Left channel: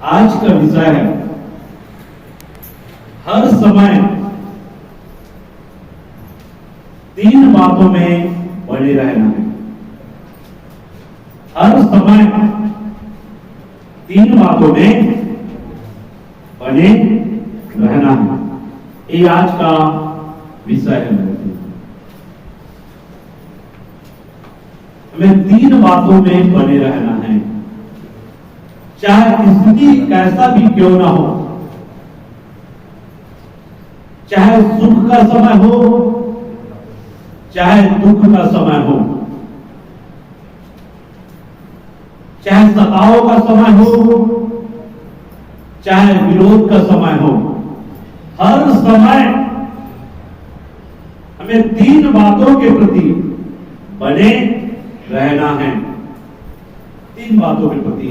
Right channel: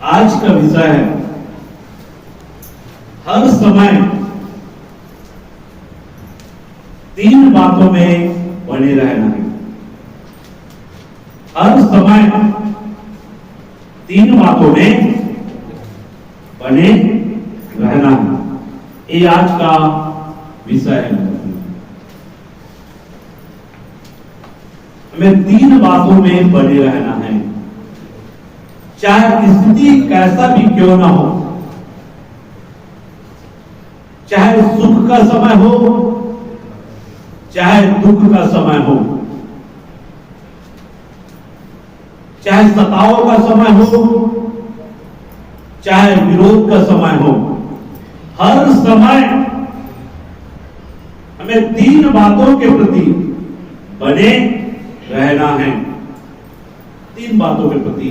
आज का विषय है हर समय 3 बातों में बने रहना है। हर समय 3 बातों में बने रहना है। ये आज का विषय है। हमें 3 बातों में बने रहना है, चाहे स्थिति कैसा भी क्यों ना हो, चाहे सुख का समय हो चाहे दुख का समय हो, चाहे सताओं का समय हो चाहे विरोध का समय हो, हर समय हमें 3 बातों के प्रति बने रहना है। 3 बातों के प्रति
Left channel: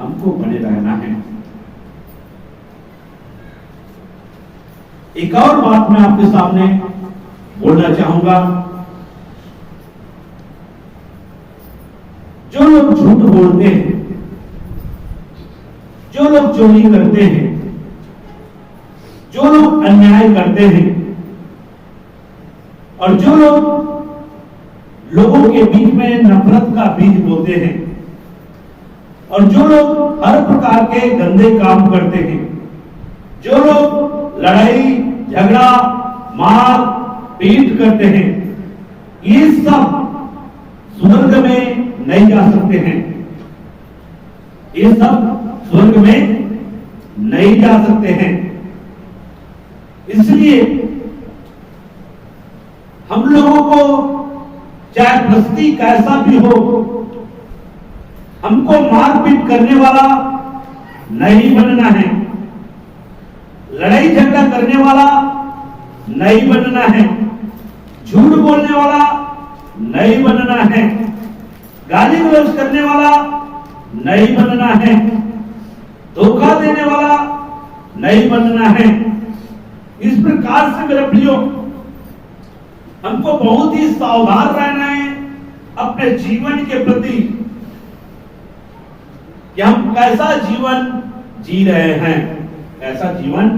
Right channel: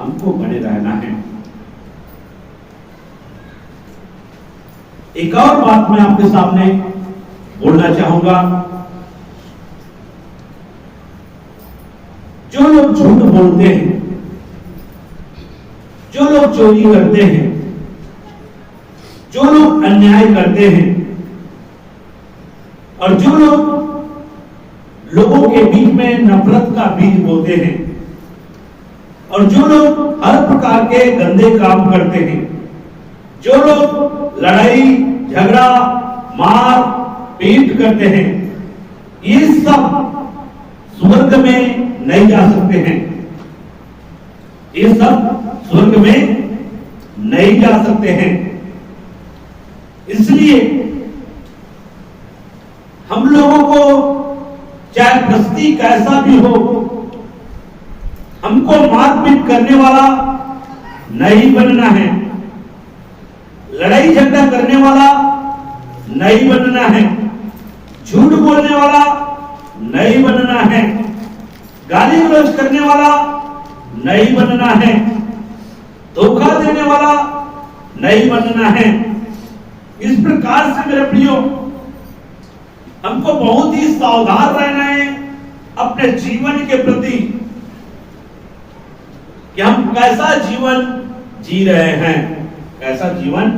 हमको बने रहना है। एक और बात मैं आपके सामने बोलना चाहूंगा। जो लोग झूठ बोलते हैं, जो लोग चोरी करते हैं, जो लोग अन्याय करते हैं और जो लोग लोगों के बीच में नफरत का बीज बोते हैं और जो लोग हर प्रकार के गंदे काम करते हैं, जो लोग लड़ाई झगड़ा मार पीट करते हैं, ये सब स्वर्ग में नहीं जा सकते हैं। ये सब स्वर्ग में नहीं जा सकते हैं। इसलिए हम लोगों को चाहे परिस्थिति कैसा भी हो, हमको मारपीट करने वाला नहीं बनना है, लड़ाई झगड़ा करने वाला नहीं बनना है, झूठ बोलने वाला नहीं बनना है, गाली गलौज करने वाला नहीं बनना है, धोखा देने वाला नहीं बनना है। इस प्रकार से मेरे प्रियो, हमको बहुत ही सावधान रहना है अपने जीवन के प्रति कि हम कैसा जीवन जी रहे हैं, कैसा जीवन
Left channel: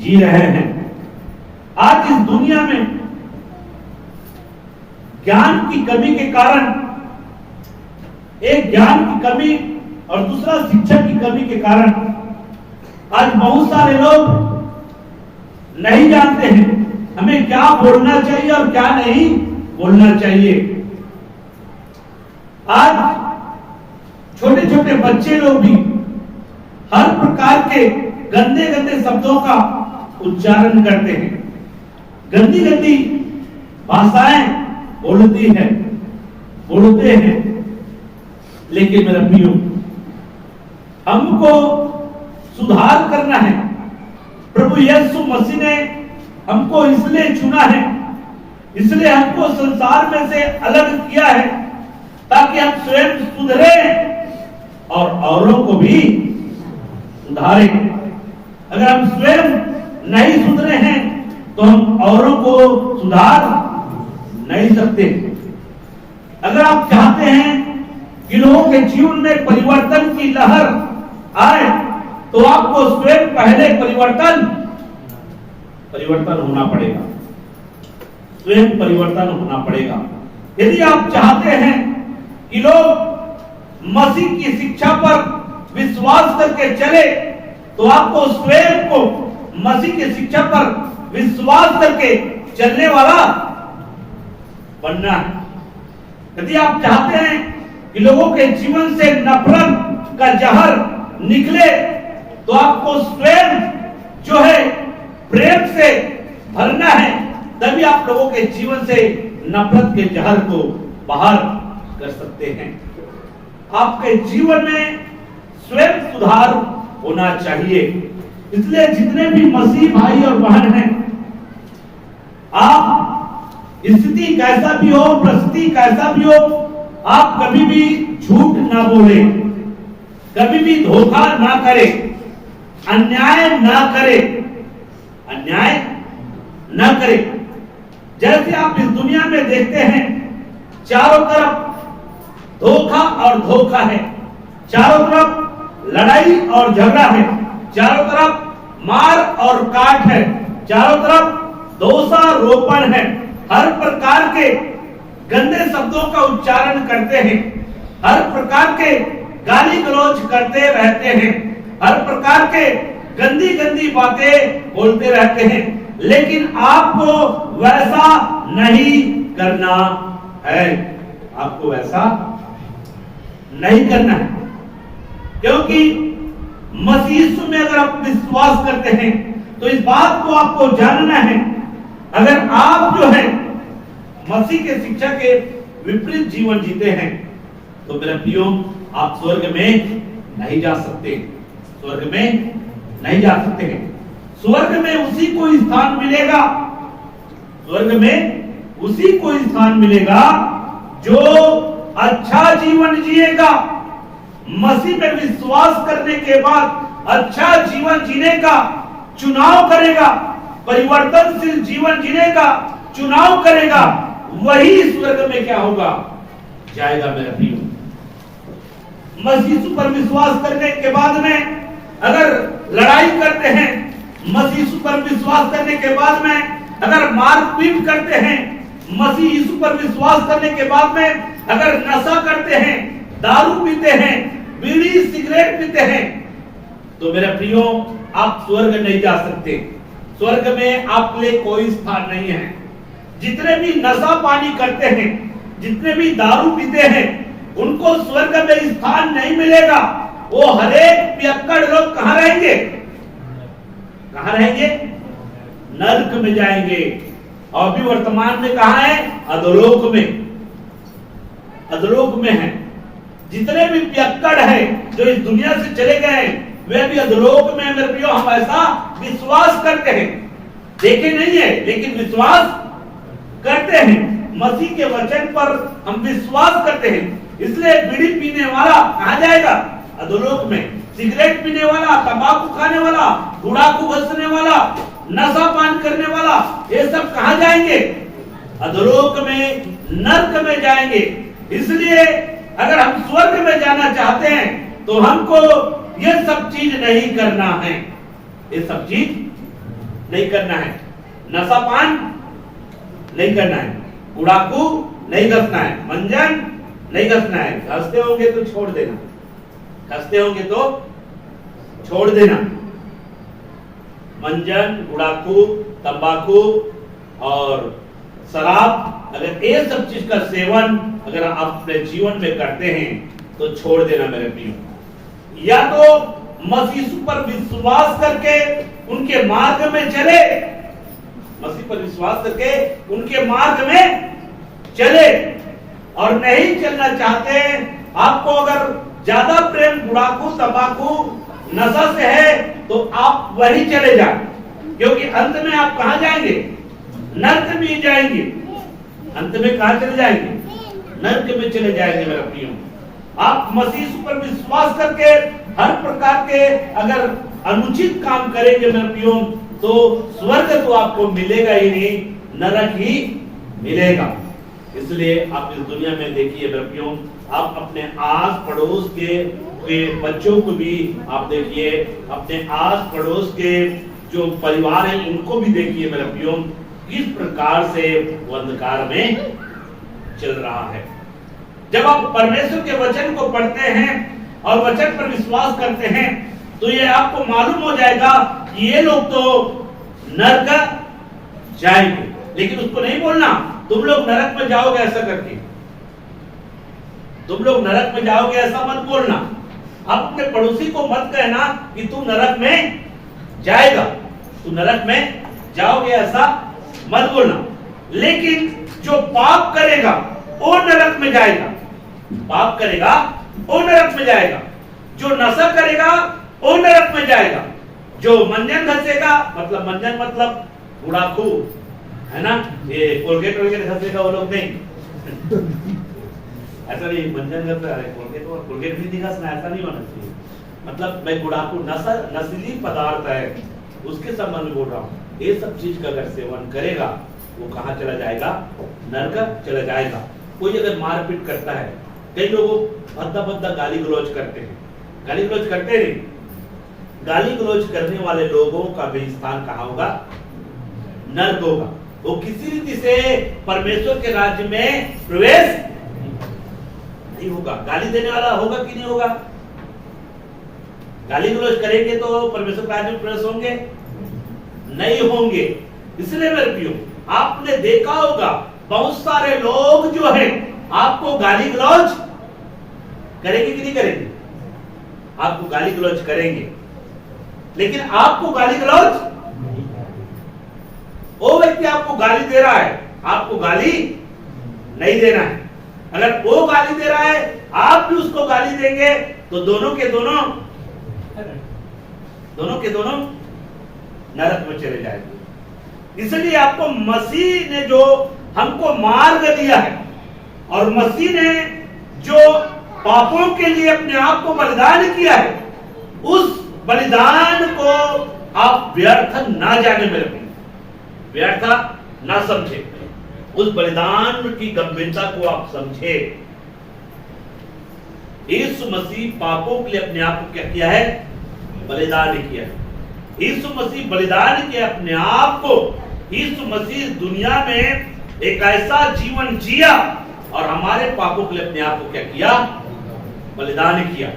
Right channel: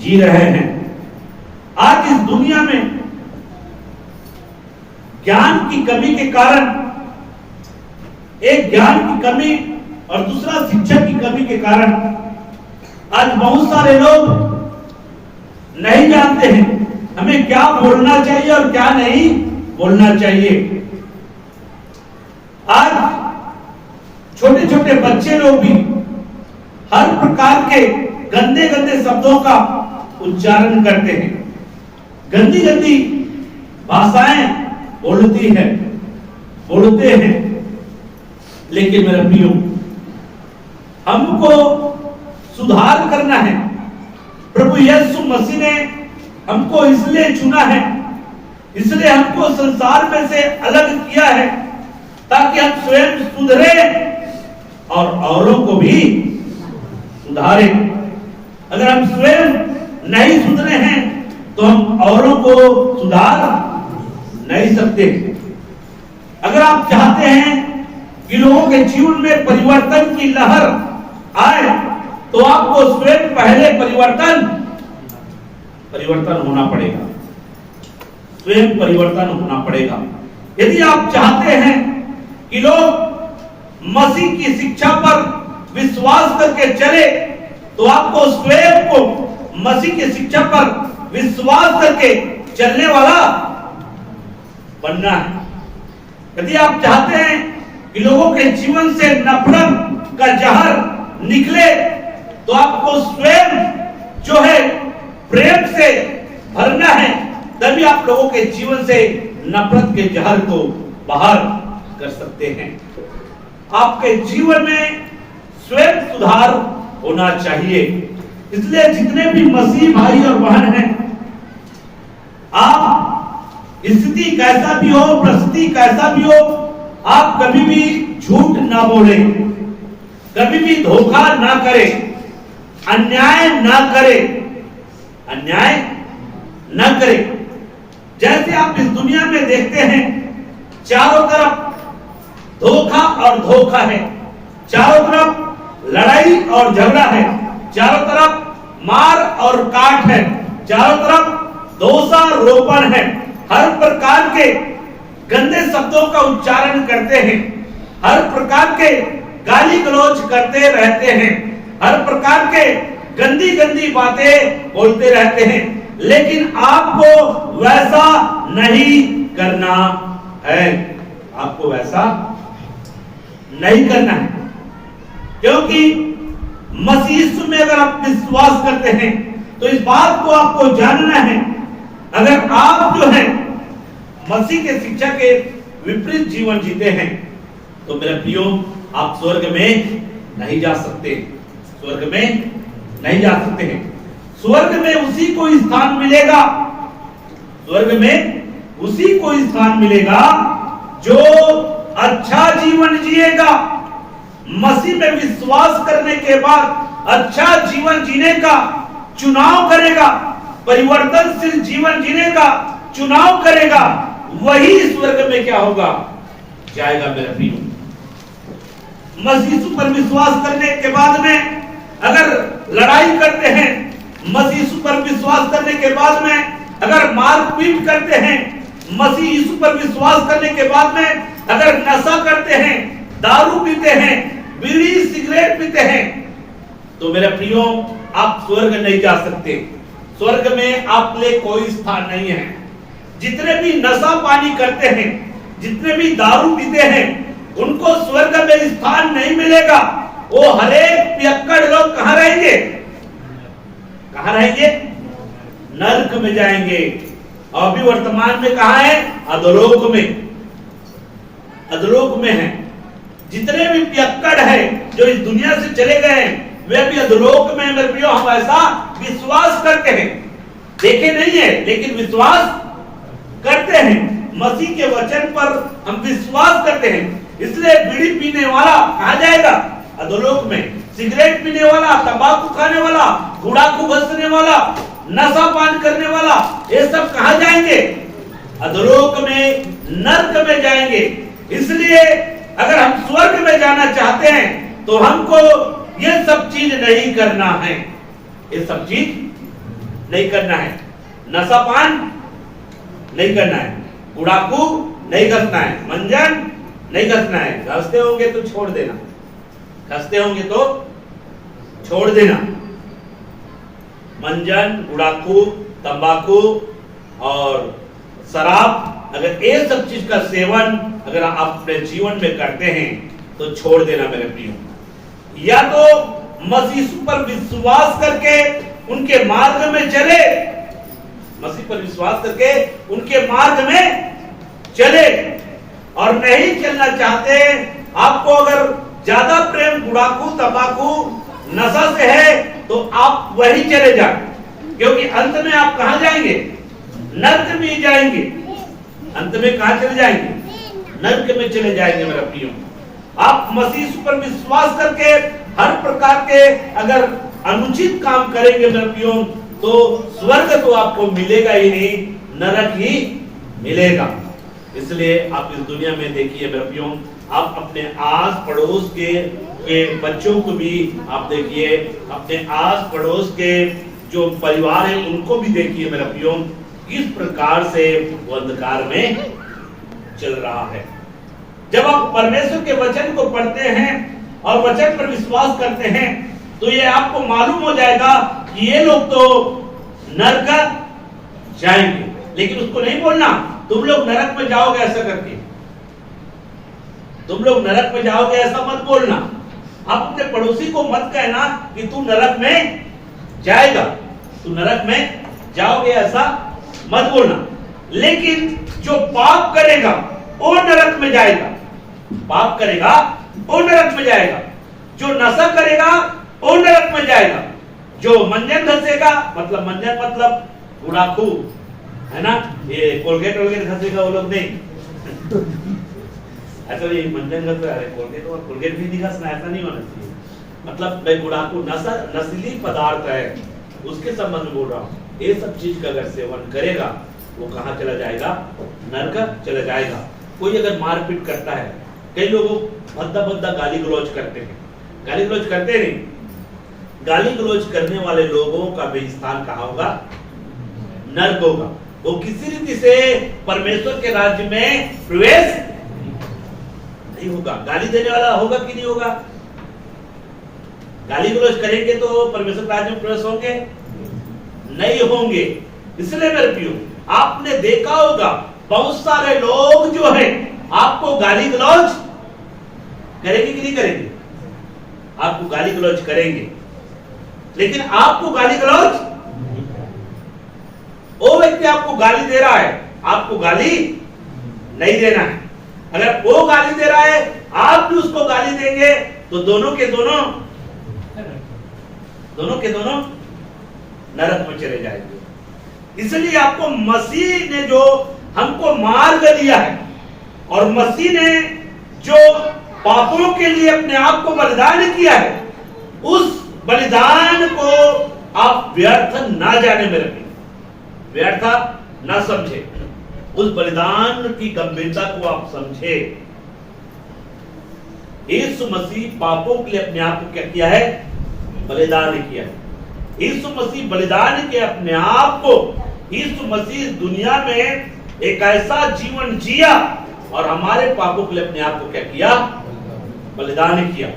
जी रहे हैं। आज इस दुनिया में ज्ञान की कमी के कारण, एक ज्ञान की कमी और दूसरा शिक्षा की कमी के कारण आज बहुत सारे लोग नहीं जानते हैं हमें क्या बोलना चाहिए और क्या नहीं बोलना चाहिए। आज छोटे छोटे बच्चे लोग भी हर प्रकार के गंदे गंदे शब्दों का उच्चारण करते हैं, गंदी गंदी भाषाएं बोलते हैं। लेकिन मेरा प्रियो, हमको सुधार करना है। प्रभु यीशु मसीह ने हमको इसलिए चुना है, इसलिए हमको संसार में से अलग किया है ताकि हम स्वयं सुधरे और औरों को भी सुधारें। अगर हम स्वयं नहीं सुधरे हैं तो हम औरों को सुधार नहीं सकते। अगर आप चाहते हैं कि लोगों के जीवन में परिवर्तन की लहर आए तो आपको स्वयं पहले परिवर्तन होना पड़ेगा, स्वयं परिवर्तन होना पड़ेगा। यदि आप चाहते हैं कि लोग मसीह की शिक्षा पर विश्वास करके चले तो आपको स्वयं को मसीह की शिक्षा पर विश्वास करके चलने वाला बनना है। यदि आप चाहते हैं कि लोगों के जीवन से नफरत का जहर निकले तो आपको स्वयं जो है प्रेम से भरना है, तभी आप लोगों के जीवन से नफरत के जहर को बाहर कर सकते हैं। आपके जीवन में स्वयं सुधार होना चाहिए। इसलिए जितने भी मसीह भाई और बहन हैं, आप स्थिति कैसा भी हो, परिस्थिति कैसा भी हो, आप कभी भी झूठ ना बोले, कभी भी धोखा ना करे, अन्याय ना करे, अन्याय ना करे। जैसे आप इस दुनिया में देखते हैं चारों तरफ धोखा और धोखा है, चारों तरफ लड़ाई और झगड़ा है, चारों तरफ मार और काट है, चारों तरफ दोषारोपण है, हर प्रकार के गंदे शब्दों का उच्चारण करते हैं, हर प्रकार के गाली गलौज करते रहते हैं, हर प्रकार के गंदी गंदी बातें बोलते रहते हैं, लेकिन आपको वैसा नहीं करना है। आपको वैसा नहीं करना है, क्योंकि मसीह यीशु में अगर आप विश्वास करते हैं तो इस बात को आपको जानना है, अगर आप जो है मसीह के शिक्षा के विपरीत जीवन जीते हैं तो मेरे प्रियो आप स्वर्ग में नहीं जा सकते, स्वर्ग में नहीं जा सकते हैं। स्वर्ग में उसी को स्थान मिलेगा, स्वर्ग में उसी को स्थान मिलेगा जो अच्छा जीवन जिएगा, मसीह में विश्वास करने के बाद अच्छा जीवन जीने का चुनाव करेगा, परिवर्तनशील जीवन जीने का चुनाव करेगा, वही स्वर्ग में क्या होगा, जाएगा मेरे प्रियो। मसीह पर विश्वास करने के बाद में अगर लड़ाई करते हैं, मसीह पर विश्वास करने के बाद में अगर मारपीट करते हैं, मसीह यीशु पर विश्वास करने के बाद में अगर नशा करते हैं, दारू पीते हैं, बीड़ी सिगरेट पीते हैं, तो मेरे प्रियो आप स्वर्ग नहीं जा सकते, स्वर्ग में आप लिए कोई स्थान नहीं है। जितने भी नशा पानी करते हैं, जितने भी दारू पीते हैं, उनको स्वर्ग में स्थान नहीं मिलेगा। वो हरेक पियक्कड़ लोग कहां रहेंगे, कहां रहेंगे, नरक में जाएंगे। और भी वर्तमान में कहां है, अधोलोक में, अधोलोक में है। जितने भी पियक्कड़ है जो इस दुनिया से चले गए हैं, वे भी अधोलोक में। मेरे प्रियो हम ऐसा विश्वास करते हैं, देखे नहीं है लेकिन विश्वास करते हैं, मसीह के वचन पर हम विश्वास करते हैं। इसलिए बीड़ी पीने वाला कहां जाएगा, अधोलोक में। सिगरेट पीने वाला, तंबाकू खाने वाला, गुड़ाखू घसने वाला, नशा पान करने वाला, ये सब कहां जाएंगे, अधोलोक में, नरक में जाएंगे। इसलिए अगर हम स्वर्ग में जाना चाहते हैं तो हमको ये सब चीज नहीं करना है, ये सब चीज नहीं करना है। नशा पान नहीं करना है, गुड़ाखू नहीं घसना है, मंजन नहीं घसना है। घसते होंगे तो छोड़ देना, घसते होंगे तो छोड़ देना। मंजन, गुड़ाखू, तंबाकू और शराब, अगर ये सब चीज का सेवन अगर आप अपने जीवन में करते हैं तो छोड़ देना मेरे प्रियो। या तो मसीह पर विश्वास करके उनके मार्ग में चले, मसीह पर विश्वास करके उनके मार्ग में चले, और नहीं चलना चाहते, आपको अगर ज्यादा प्रेम गुड़ाखू, तंबाकू, नशा से है तो आप वही चले जाएं, क्योंकि अंत में आप कहां जाएंगे, नरक में जाएंगे। अंत में कहां चले जाएंगे, नरक में चले जाएंगे मेरा प्रियो। आप मसीह पर विश्वास करके हर प्रकार के अगर अनुचित काम करेंगे मेरे प्रियो, तो स्वर्ग तो आपको मिलेगा ही नहीं, नरक ही मिलेगा। इसलिए आप इस दुनिया में देखिए मेरे प्रियो, आप अपने आस पड़ोस के बच्चों को भी आप देखिए, अपने आस पड़ोस के जो परिवार है उनको भी देखिए मेरे प्रियो, किस प्रकार से वो अंधकार में चल रहा है। जब आप परमेश्वर के वचन को पढ़ते हैं और वचन पर विश्वास करते हैं तो ये आपको मालूम हो जाएगा कि ये लोग तो नरक जाएंगे, लेकिन उसको नहीं बोलना तुम लोग नरक में जाओगे ऐसा करके, तुम लोग नरक में जाओगे ऐसा मत बोलना। आप अपने पड़ोसी को मत कहना कि तू नरक में जाएगा, तू नरक में जाओगे ऐसा मत बोलना। लेकिन जो पाप करेगा वो नरक में जाएगा, पाप करेगा वो नरक में जाएगा। जो नशा करेगा वो नरक में जाएगा। जो मंजन घसेगा, मतलब मंजन मतलब गुड़ाखू है ना, ये कोलगेट वोलगेट घसेगा वो लोग नहीं। ऐसा नहीं, मंजन घस रहा है, कोलगेट भी नहीं घसना, ऐसा नहीं होना चाहिए। मतलब मैं गुड़ाखू नस्ली पदार्थ है उसके संबंध में बोल रहा हूँ। ये सब चीज का अगर सेवन करेगा वो कहाँ चला जाएगा, नरक चला जाएगा। कोई अगर मारपीट करता है, कई लोग भद्दा भद्दा गाली गलौज करते हैं, गाली गलौज करते नहीं। गाली गलौज करने वाले लोगों का भी स्थान कहाँ होगा? नर्क होगा। वो किसी रीति से परमेश्वर के राज्य में प्रवेश नहीं होगा। गाली देने वाला होगा कि नहीं होगा? गाली गलौज करेंगे तो परमेश्वर के राज्य में प्रवेश होंगे? नहीं होंगे। इसलिए मेरे प्रियो, आपने देखा होगा बहुत सारे लोग जो है आपको गाली गलौज करेंगे कि नहीं करेंगे? आपको गाली गलौज करेंगे, लेकिन आपको गाली गलौज, वो व्यक्ति आपको गाली दे रहा है, आपको गाली नहीं देना है। अगर वो गाली दे रहा है, आप भी उसको गाली देंगे, तो दोनों के दोनों नरक में चले जाएंगे। इसलिए आपको मसीह ने जो हमको मार्ग दिया है, और मसीह ने जो पापों के लिए अपने आप को बलिदान किया है, उस बलिदान को आप व्यर्थ ना जाने में रखें, व्यर्थ ना समझे। उस बलिदान की गंभीरता को आप समझे। यीशु मसीह पापों के लिए अपने आप को क्या किया है? बलिदान किया है। यीशु मसीह बलिदान के अपने आप को, यीशु मसीह दुनिया में एक ऐसा जीवन जिया और हमारे पापों के लिए अपने आप को क्या किया? बलिदान किया,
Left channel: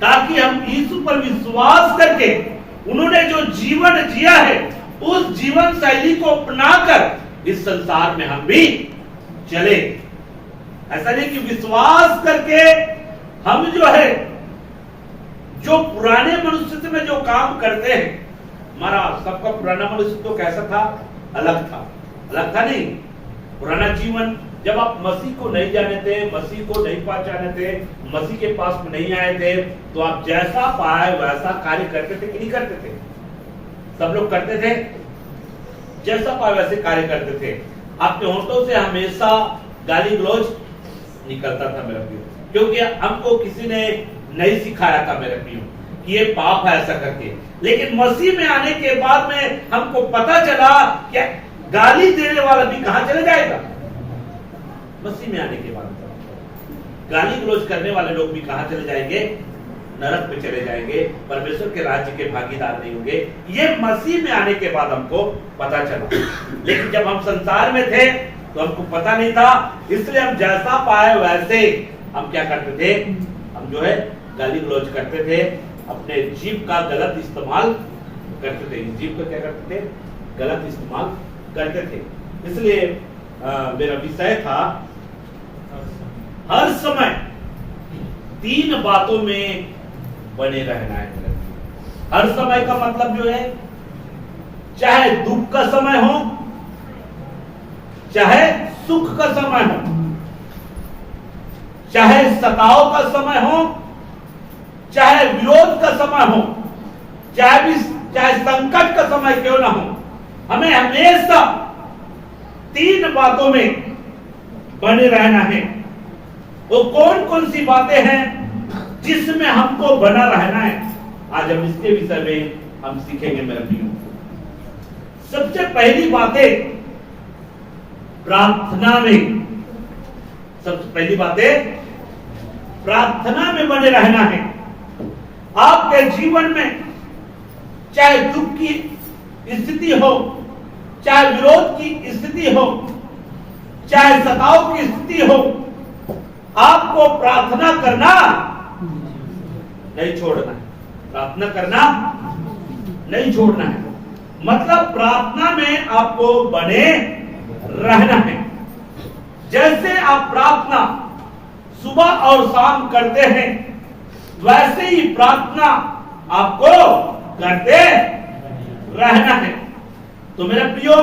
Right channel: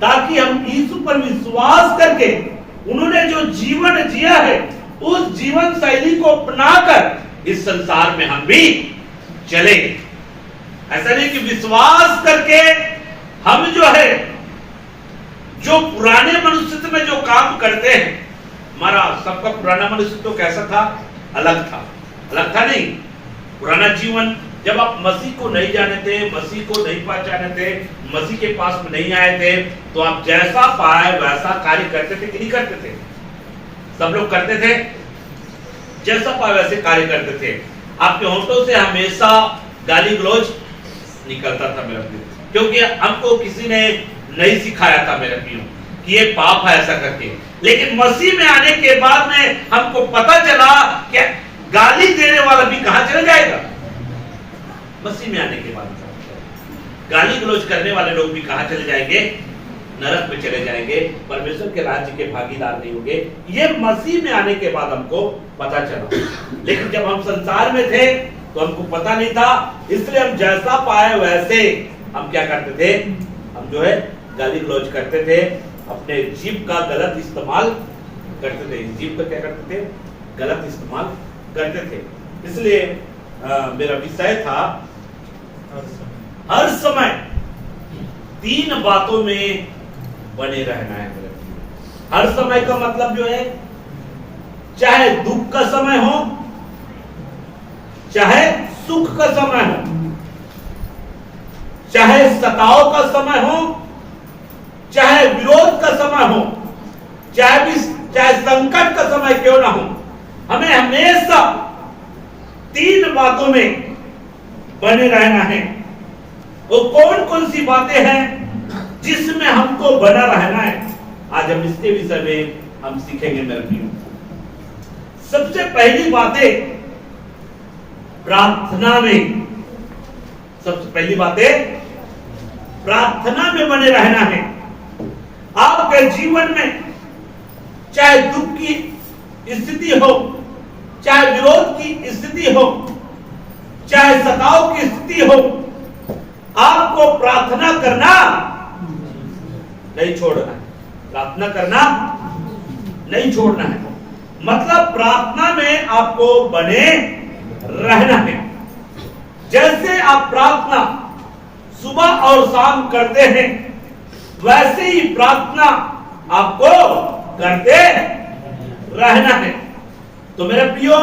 ताकि हम यीशु पर विश्वास करके उन्होंने जो जीवन जिया है उस जीवन शैली को अपनाकर इस संसार में हम भी चले। ऐसा नहीं कि विश्वास करके हम जो है, जो पुराने मनुष्य में जो काम करते हैं, हमारा सबका पुराना मनुष्य तो कैसा था? अलग था नहीं। पुराना जीवन, जब आप मसीह को नहीं जाने थे, मसीह को नहीं पहचाने थे, मसीह के पास में नहीं आए थे, तो आप जैसा पाए वैसा कार्य करते थे कि नहीं करते थे? सब लोग करते थे, जैसा पाए वैसे कार्य करते थे। आपके होंठों से हमेशा गाली गलौज निकलता था मेरे प्रियो, क्योंकि हमको किसी ने नहीं सिखाया था मेरे प्रियो कि ये पाप है ऐसा करके। लेकिन मसीह में आने के बाद में हमको पता चला कि गाली देने वाला भी कहां चला जाएगा? मसीह में आने के बाद गाली गलौज करने वाले लोग भी कहां चले जाएंगे? नरक में चले जाएंगे, परमेश्वर के राज्य के भागीदार नहीं होंगे। ये मसीह में आने के बाद हमको पता चला। लेकिन जब हम संसार में थे तो हमको पता नहीं था, इसलिए हम जैसा पाए वैसे हम क्या करते थे? हम जो है गाली गलौज करते थे, अपने जीभ का गलत इस्तेमाल करते थे। जीभ का क्या करते थे? गलत इस्तेमाल करते थे। इसलिए मेरा विषय था हर समय 3 बातों में बने रहना है। हर समय का मतलब जो है, चाहे दुख का समय हो, चाहे सुख का समय हो, चाहे सताव का समय हो, चाहे विरोध का समय हो, चाहे संकट का समय क्यों ना हो, हमें हमेशा 3 बातों में बने रहना है। वो कौन कौन सी बातें हैं जिसमें हमको बना रहना है? आज हम इसके विषय में हम सीखेंगे मेरे प्रियो। सबसे पहली बातें प्रार्थना में, सबसे पहली बातें प्रार्थना में बने रहना है। आपके जीवन में चाहे दुख की स्थिति हो, चाहे विरोध की स्थिति हो, चाहे सताव की स्थिति हो, आपको प्रार्थना करना नहीं छोड़ना है। प्रार्थना करना नहीं छोड़ना है, मतलब प्रार्थना में आपको बने रहना है। जैसे आप प्रार्थना सुबह और शाम करते हैं, वैसे ही प्रार्थना आपको करते रहना है। तो मेरे प्रियो,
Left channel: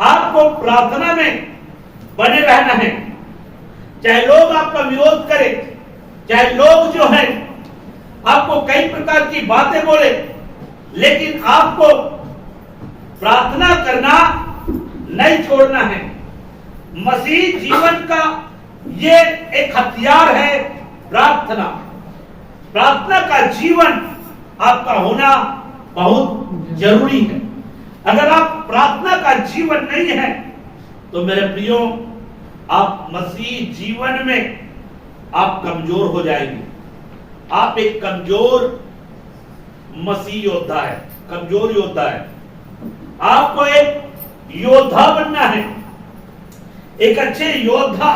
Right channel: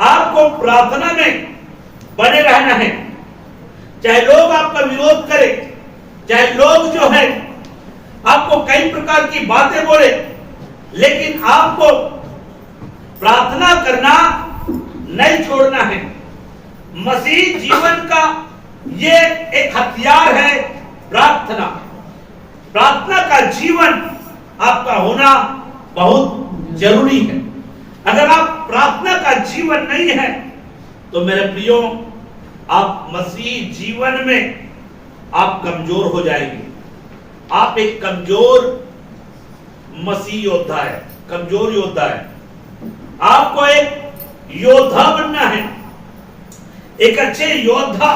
आपको प्रार्थना में बने रहना है। चाहे लोग आपका विरोध करें, चाहे लोग जो है आपको कई प्रकार की बातें बोले, लेकिन आपको प्रार्थना करना नहीं छोड़ना है। मसीह जीवन का ये एक हथियार है, प्रार्थना। प्रार्थना का जीवन आपका होना बहुत जरूरी है। अगर आप प्रार्थना का जीवन नहीं है तो मेरे प्रियो, आप मसीह जीवन में आप कमजोर हो जाएंगे, आप एक कमजोर मसीह योद्धा है, कमजोर योद्धा है। आपको एक योद्धा बनना है। एक अच्छे योद्धा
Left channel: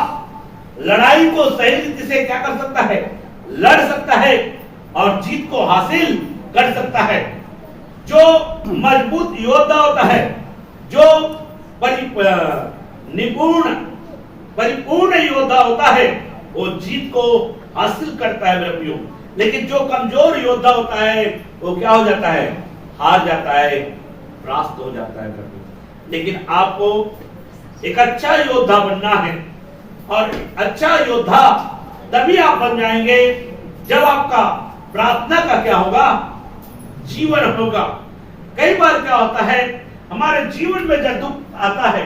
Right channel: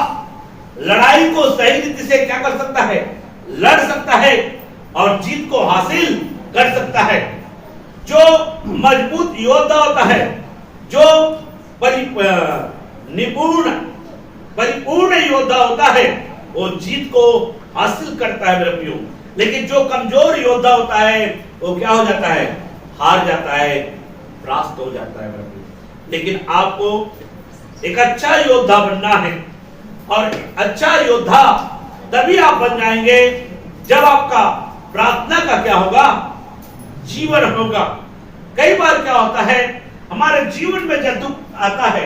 लड़ाई को सही रीति से क्या कर सकता है, लड़ सकता है और जीत को हासिल कर सकता है। जो मजबूत योद्धा होता है, जो परिपूर्ण योद्धा होता है, वो जीत को हासिल करता है मेरे प्रियो। लेकिन जो कमजोर योद्धा होता है वो क्या हो जाता है, हार जाता है, परास्त हो जाता है मेरे प्रियो। लेकिन आपको एक अच्छा योद्धा बनना है, और अच्छा योद्धा तभी आप बन जाएंगे जब आपका प्रार्थना का क्या होगा, जीवन होगा। कई बार क्या होता है, हमारे जीवन में जब दुख आता है,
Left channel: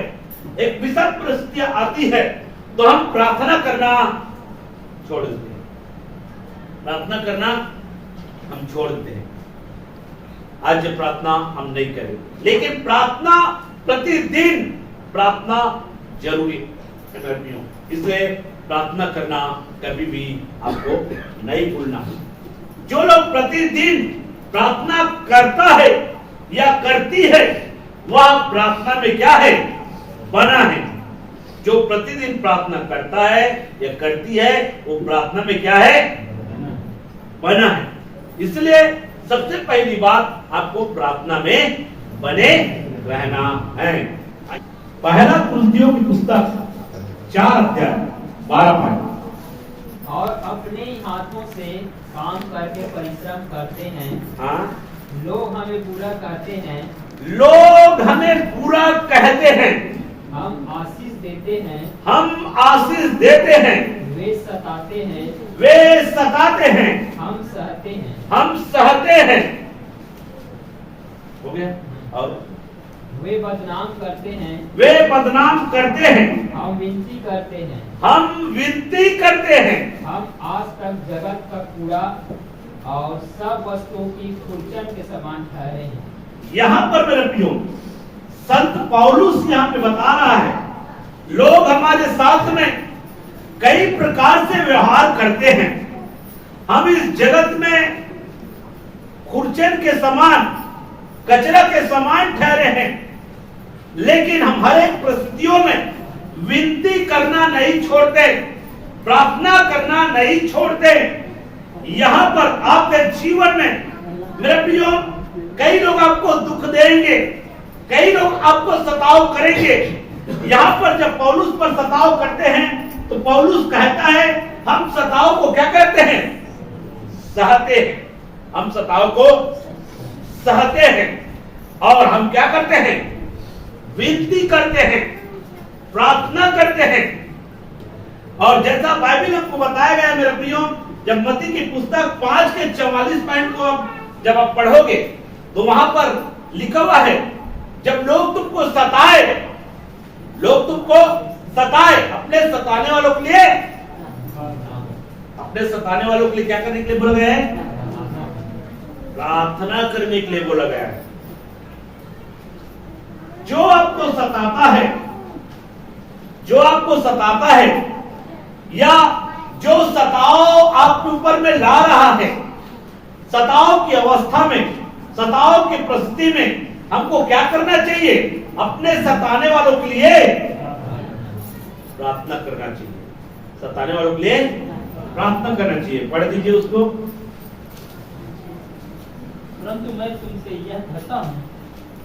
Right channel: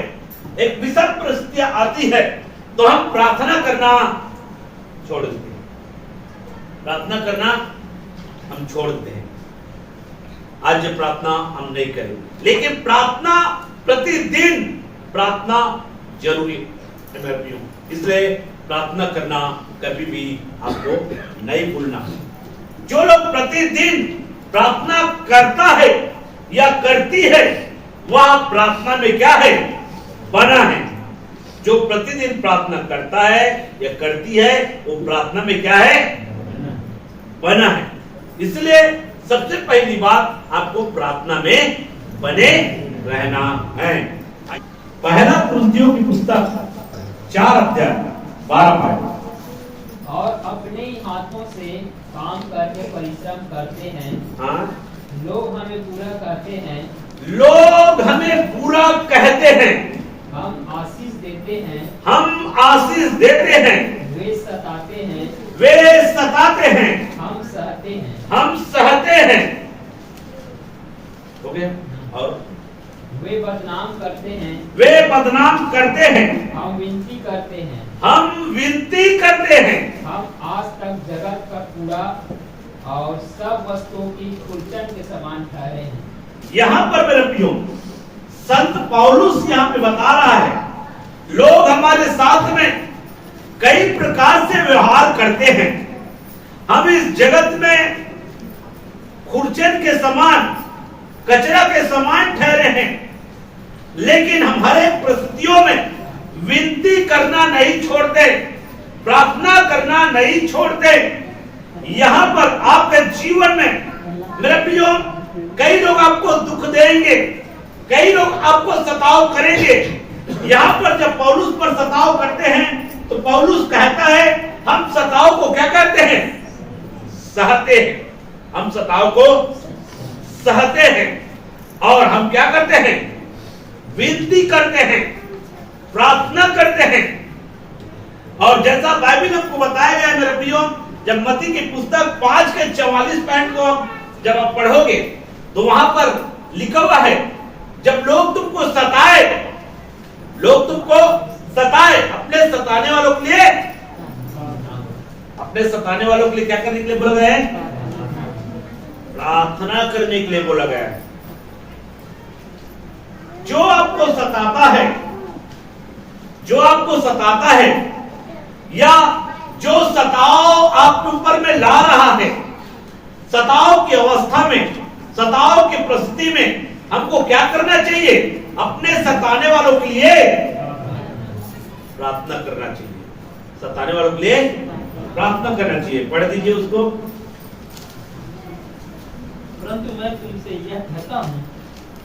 एक विषम परिस्थितियां आती है, तो हम प्रार्थना करना छोड़ देते हैं। प्रार्थना करना हम छोड़ देते हैं। आज प्रार्थना हम नहीं करेंगे, लेकिन प्रार्थना प्रतिदिन प्रार्थना जरूरी है मेरे प्रियो। इसलिए प्रार्थना करना कभी भी आपको नहीं भूलना। जो लोग प्रतिदिन प्रार्थना करता है या करती है, वह प्रार्थना में क्या है, बना है। जो प्रतिदिन प्रार्थना करता है या करती है, वो प्रार्थना में क्या है, बना है। इसलिए सबसे पहली बात, आपको प्रार्थना में बने रहना है। पहला कुरिन्थियों की पुस्तक 4 अध्याय 12 पद। और अपने हाथों से काम करके परिश्रम करते हैं। हाँ, लोग हमें पूरा कहते हैं, लोग हमें पूरा कहते हैं, हम आशीष देते हैं, हम आशीष देते हैं, वे सताते हैं, वे सताते हैं, हम सहते हैं, हम सहते हैं। हो गया। और वे बदनाम करते हैं, वे बदनाम करते हैं, हम विनती करते हैं, हम विनती करते हैं। हम आज तक जगत का कूड़ा और सब वस्तुओं की खुरचन के समान ठहरे हैं। यहाँ पर मेरे प्रियो, संत पौलुस यहाँ पे बता रहा है, लोग हमारे साथ में कई प्रकार से व्यवहार करते हैं। हम इस जगत में खुरचन के समान, कचरा के समान ठहरे हैं, लेकिन हम हर एक परिस्थितियों में विनती करना नहीं छोड़ते, प्रार्थना करना नहीं छोड़ते। यहाँ पर आपके जीवन में मेरे प्रियो, कई लोग आपको दुख देंगे, कई लोग आपको सताव करेंगे। यहाँ पर जब पौलुस पर सताव करते हैं, तो पौलुस कहता है, हम सताव को क्या करते हैं, सहते हैं। हम सताव को सहते हैं, और हम क्या करते हैं, विनती करते हैं, प्रार्थना करते हैं। और जैसा बाइबल आपको बताया गया है मेरे प्रियो, जब मत्ती की पुस्तक 5 के 44 पॉइंट को जब आप पढ़ोगे, तो वहां पर लिखा हुआ है, जब लोग तुमको सताए, लोग तुमको सताए, अपने सताने वालों के लिए, अपने सताने वालों के लिए क्या करने के लिए बोला गया है, प्रार्थना करने के लिए बोला गया है। जो आपको सताता है, जो आपको सताता है, या जो सताव आपके ऊपर में ला रहा है, सताव की अवस्था में, सताव की परिस्थिति में हमको क्या करना चाहिए, अपने सताने वालों के लिए प्रार्थना करना चाहिए। सताने वालों के लिए प्रार्थना करना चाहिए। पढ़ दीजिए उसको। परंतु मैं तुमसे यह कहता हूँ,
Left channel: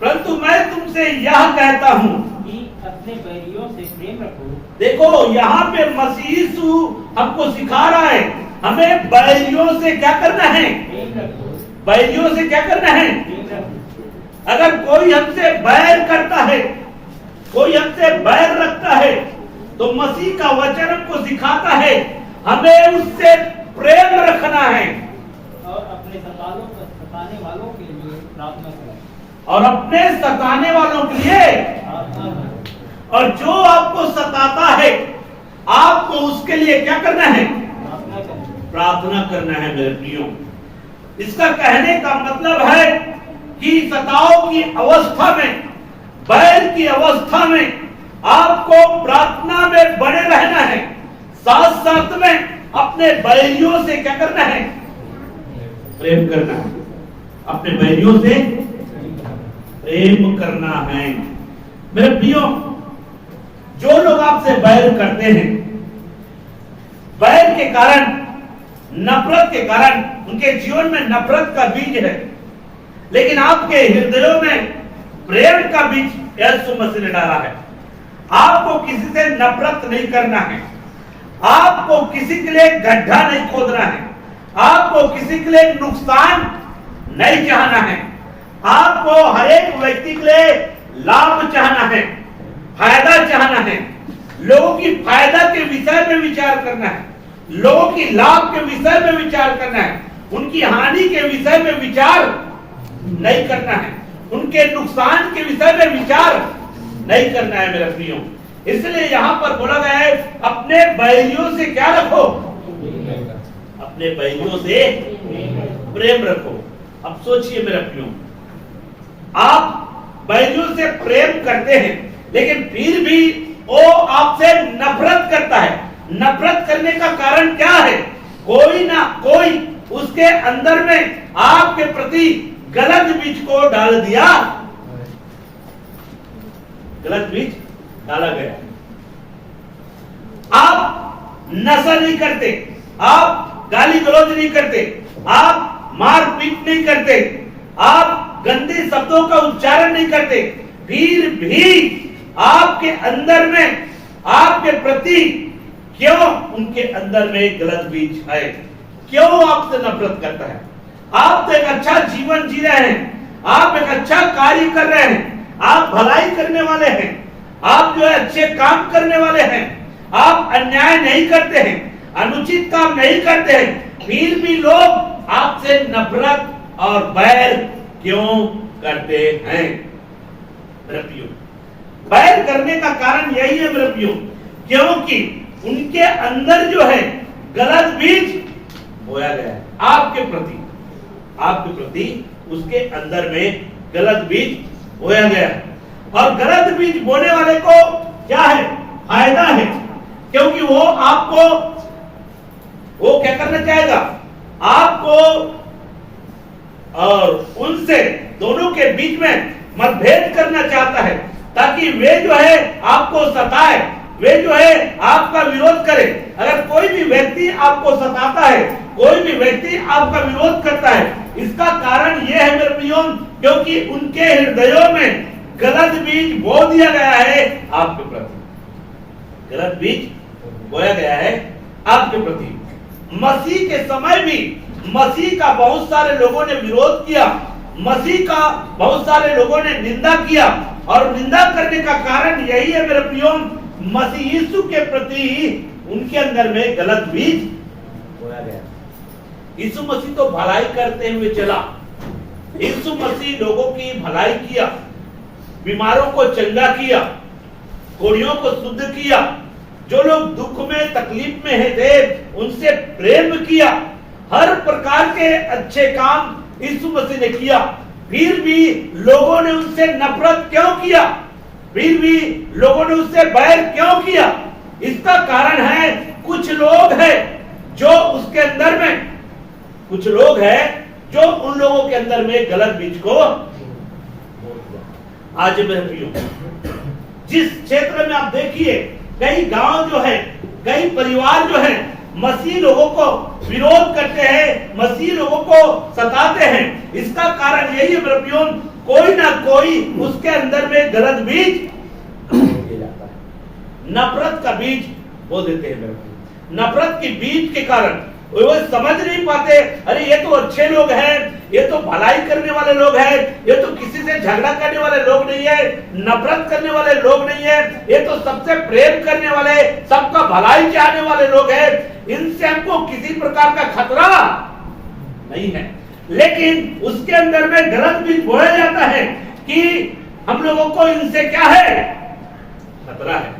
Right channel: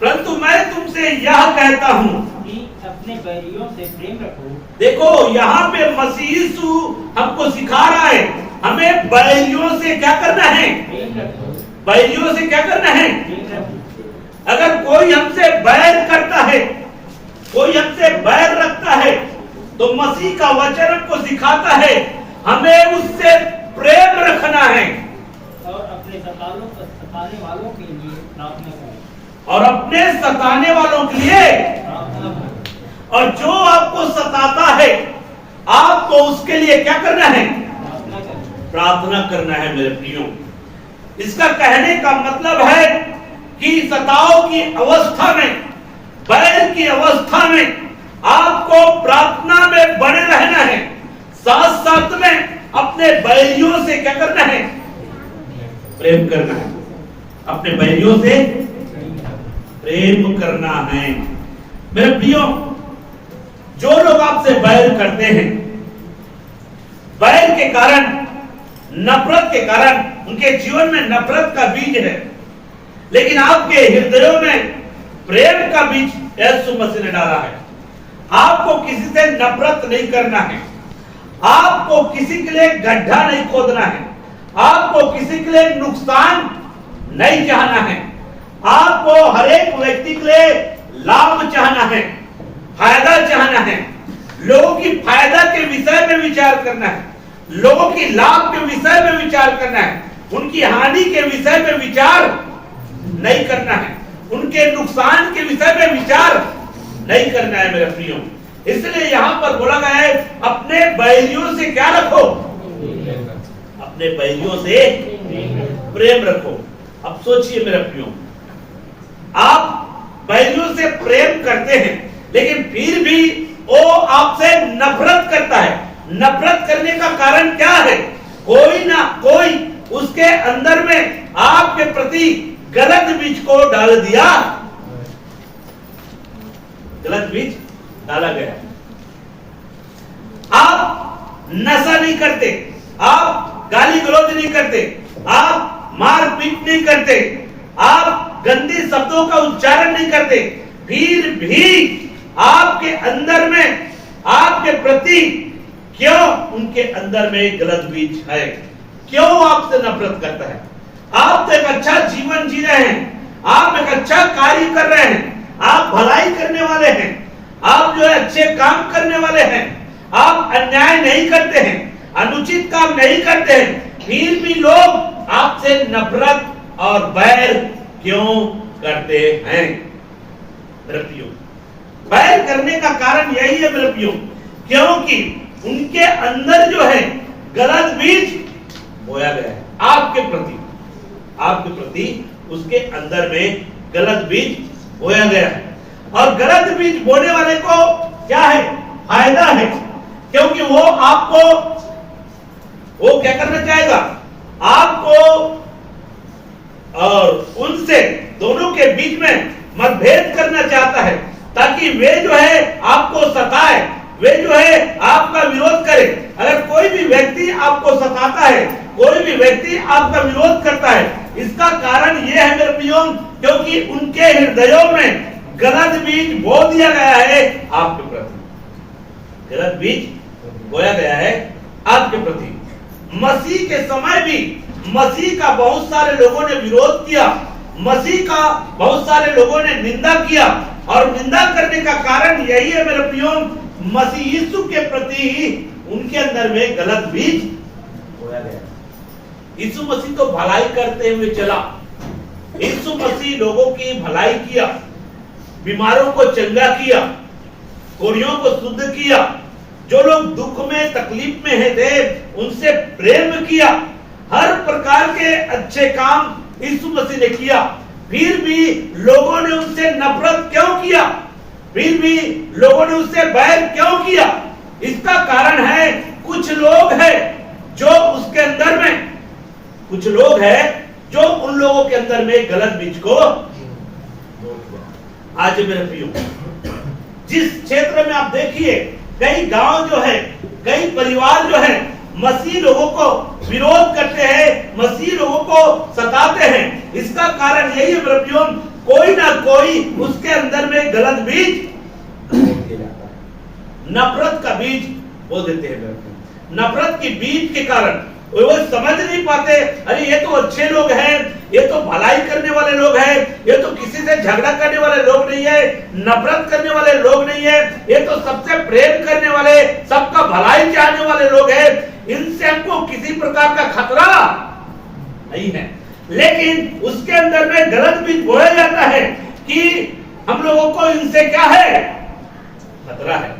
परंतु मैं तुमसे यह कहता हूँ कि अपने बैरियों से प्रेम रखो। देखो, यहाँ पे मसीह यीशु हमको सिखा रहा है, हमें बैरियों से क्या करना है, प्रेम रखो, बैरियों से क्या करना है। प्रेम रखो। अगर कोई हमसे बैर करता है, कोई हमसे बैर रखता है, तो मसीह का वचन हमको सिखाता है, हमें उससे प्रेम रखना है, और अपने सताने वालों के लिए प्रार्थना करो, और अपने सताने वालों के लिए प्रार्थना करो। और जो आपको सताता है, आपको उसके लिए क्या करना है, प्रार्थना करो, प्रार्थना करना है मेरे प्रियो। इसका कहने का मतलब है कि सताव की अवस्था में, बैर की अवस्था में आपको प्रार्थना में बने रहना है, साथ साथ में अपने बैरियों से क्या करना है, प्रेम करना है, अपने बैरियों से प्रेम करना है। मेरे प्रियो, जो लोग आपसे बैर करते हैं, बैर के कारण, नफरत के कारण, उनके जीवन में नफरत का बीज है, लेकिन आपके हृदयों में प्रेम का बीज यीशु मसीह ने डाला है। आपको किसी से नफरत नहीं करना है, आपको किसी के लिए गड्ढा नहीं खोदना है, आपको किसी के लिए नुकसान नहीं चाहना है, आपको हर एक व्यक्ति के लिए लाभ चाहना है, फायदा चाहना है, लोगों की फायदा के विषय में विचार करना है, लोगों की लाभ के विषय में विचार करना है, उनकी हानि के विषय में विचार नहीं करना है, उनके नुकसान के विषय में विचार नहीं करना है। मेरे प्रियो, इसलिए यहां पर बोला गया है, अपने बैरियों से क्या रखो? अपने बैरियों से प्रेम रखो। अब सोचिए मेरे प्रियो, आप बैरियों से प्रेम करते हैं, लेकिन फिर भी वो आपसे नफरत करता है। नफरत करने का कारण क्या है? कोई ना कोई उसके अंदर में आपके प्रति गलत बीज को डाल दिया, गलत बीज डाला गया। आप नशा नहीं करते, आप गाली गलौज नहीं करते, आप मारपीट नहीं करते, आप गंदे शब्दों का उच्चारण नहीं करते, फिर भी आपके अंदर में आपके प्रति क्यों उनके अंदर में गलत बीज है? क्यों आपसे नफरत करता है? आप तो एक अच्छा जीवन जी रहे हैं, आप एक अच्छा कार्य कर रहे हैं, आप भलाई करने वाले हैं, आप जो है अच्छे काम करने वाले हैं, आप अन्याय नहीं करते हैं, अनुचित काम नहीं करते हैं, फिर भी लोग आपसे नफरत और बैर क्यों करते हैं? मेरे प्रियो, बैर करने का कारण यही है मेरे प्रियो, क्योंकि उनके अंदर जो है गलत बीज बोया गया है आपके प्रति, आपके प्रति उसके अंदर में गलत बीज बोया गया है। और गलत बीज बोने वाले को क्या है? फायदा है, क्योंकि वो आपको, वो क्या करना चाहेगा? आपको और उनसे दोनों के बीच में मतभेद करना चाहता है, ताकि वे जो है आपको सताए, वे जो है आपका विरोध करे। अगर कोई भी व्यक्ति आपको सताता है, कोई भी व्यक्ति आपका विरोध करता है, इसका कारण यह है मेरे प्रियो, क्योंकि उनके हृदयों में गलत बीज बो दिया गया है आपके प्रति, गलत बीज बोया गया है आपके प्रति। मसीह के समय भी मसीह का बहुत सारे लोगों ने विरोध किया, मसीह का बहुत सारे लोगों ने निंदा किया, और निंदा करने का कारण यही है मेरे प्रियो, मसीह यीशु के प्रति उनके अंदर में गलत बीज बोया गया। यीशु मसीह तो भलाई करते हुए चला, यीशु मसीह लोगों की भलाई किया, बीमारों को चंगा किया, कोढ़ियों को शुद्ध किया, जो लोग दुख में तकलीफ में है थे उनसे प्रेम किया, हर प्रकार के अच्छे काम यीशु मसीह ने किया। फिर भी लोगों ने उनसे नफरत क्यों किया? फिर भी लोगों ने उससे बैर क्यों किया? इसका कारण है कुछ लोग हैं जो उसके अंदर में, कुछ लोग हैं जो उन लोगों के अंदर में गलत बीज को। आज मेरे प्रियो, जिस क्षेत्र में आप देखिए, कई गांव जो है, कई परिवार जो है मसीह लोगों को विरोध करते हैं, मसीह लोगों को सताते हैं। इसका कारण यही है मेरे प्रियो, कोई ना कोई उसके अंदर में गलत बीज बो जाता है, नफरत का बीज बो देते हैं मेरे प्रियो। नफरत की बीज के कारण वो समझ नहीं पाते, अरे ये तो अच्छे लोग हैं, ये तो भलाई करने वाले लोग हैं, ये तो किसी से झगड़ा करने वाले लोग नहीं है, नफरत करने वाले लोग नहीं है, ये तो सबसे प्रेम करने वाले, सबका भलाई चाहने वाले लोग हैं, इनसे हमको किसी प्रकार का खतरा नहीं है। लेकिन उसके अंदर में गलत बीज बोया जाता है कि हम लोगों को इनसे क्या है? खतरा है।